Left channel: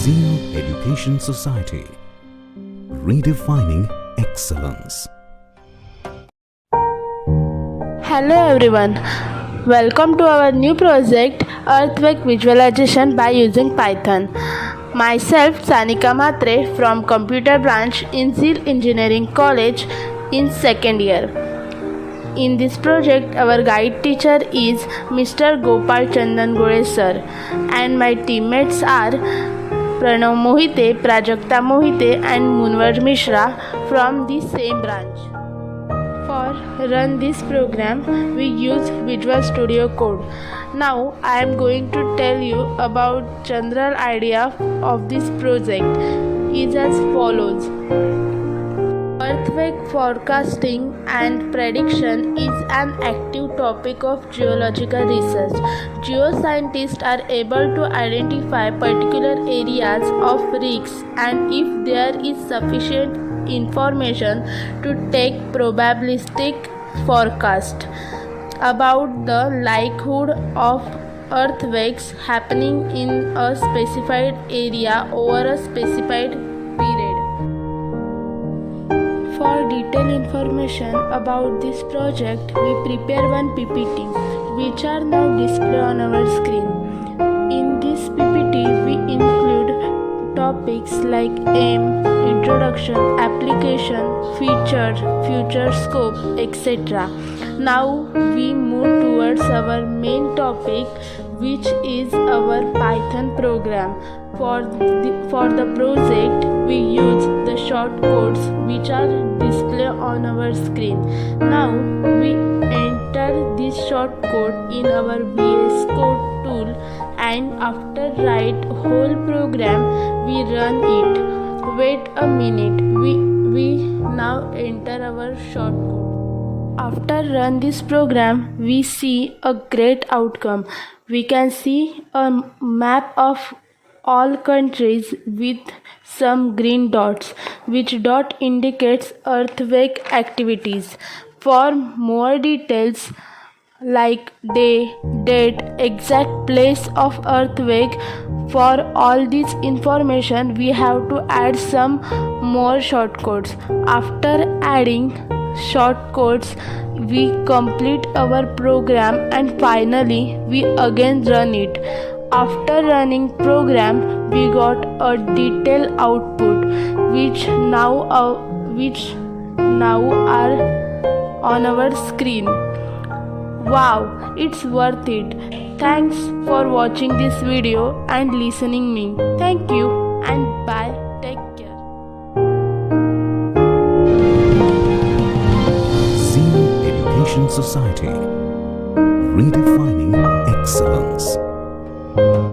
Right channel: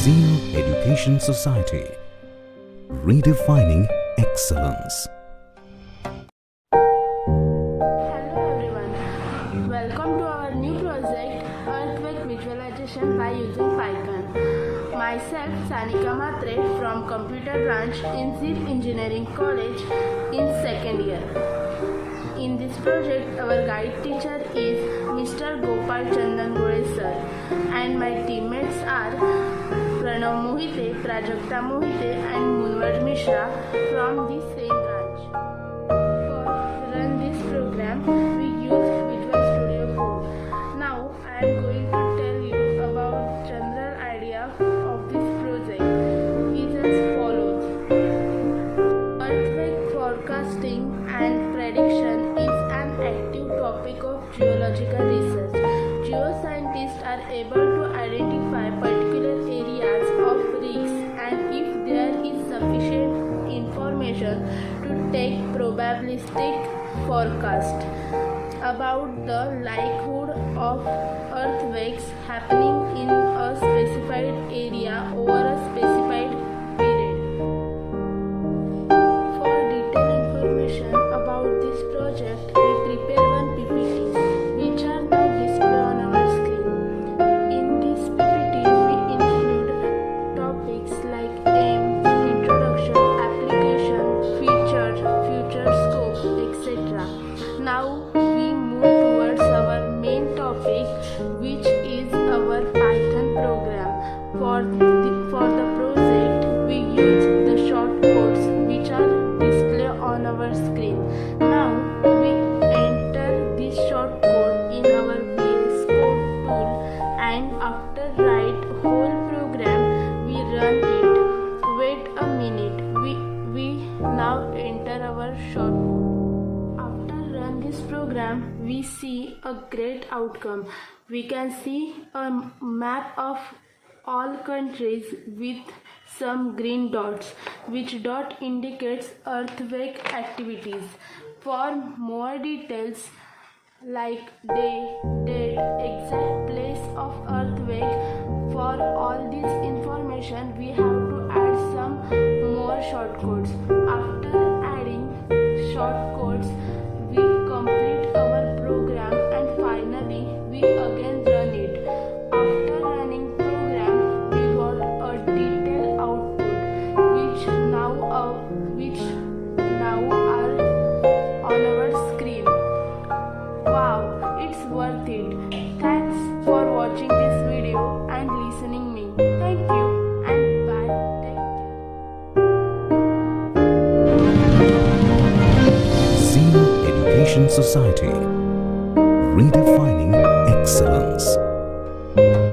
Zeal Education Society, redefining excellence. Hello everyone, welcome to our new project Earthquake Visualization by using Python. Myself Sanika Matre from Computer Branch in Zeal Engineering College in second year. In this project, our guide teacher is Mr. Gopal Chandan Gore sir, and my teammates are Pranav Mohite, Prajakta Mohite and Munwar Mishra from the same branch. For run this program, we use Visual Studio Code. Now I am going to tell you about general idea of this project is as follows. Earthquake forecasting and prediction is an active topic of geological research. Geoscientists are able to identify particular areas of risks, and if there is sufficient information to take probabilistic forecast about the likelihood of earthquakes happening in a specified area over a specified period. For detailed information about this project, we prepare one PPT, which are now displayed on our screen. In this PPT, we include topics like aim, introduction, application, feature, future scope, etc. Now we move towards our main topic, which is our Python program. For the project, we use the shortcodes which are displayed on our screen. Now we enter this shortcode in our VS Code tool, and after write whole program, we run it. Wait a minute, we now enter our shortcode. After run this program, we see a great outcome. We can see a map of all countries with some green dots, which dot indicates earthquake activities. For more details like day, date, exact place of earthquake, for all this information we have to add some more shortcodes. After adding shortcodes, we complete our program, and finally we again run it. After running program, we got a detailed output which now are on our screen. Wow, it's worth it. Thanks for watching this video and listening me. Thank you and bye. Take care. Zeal Education Society, redefining excellence.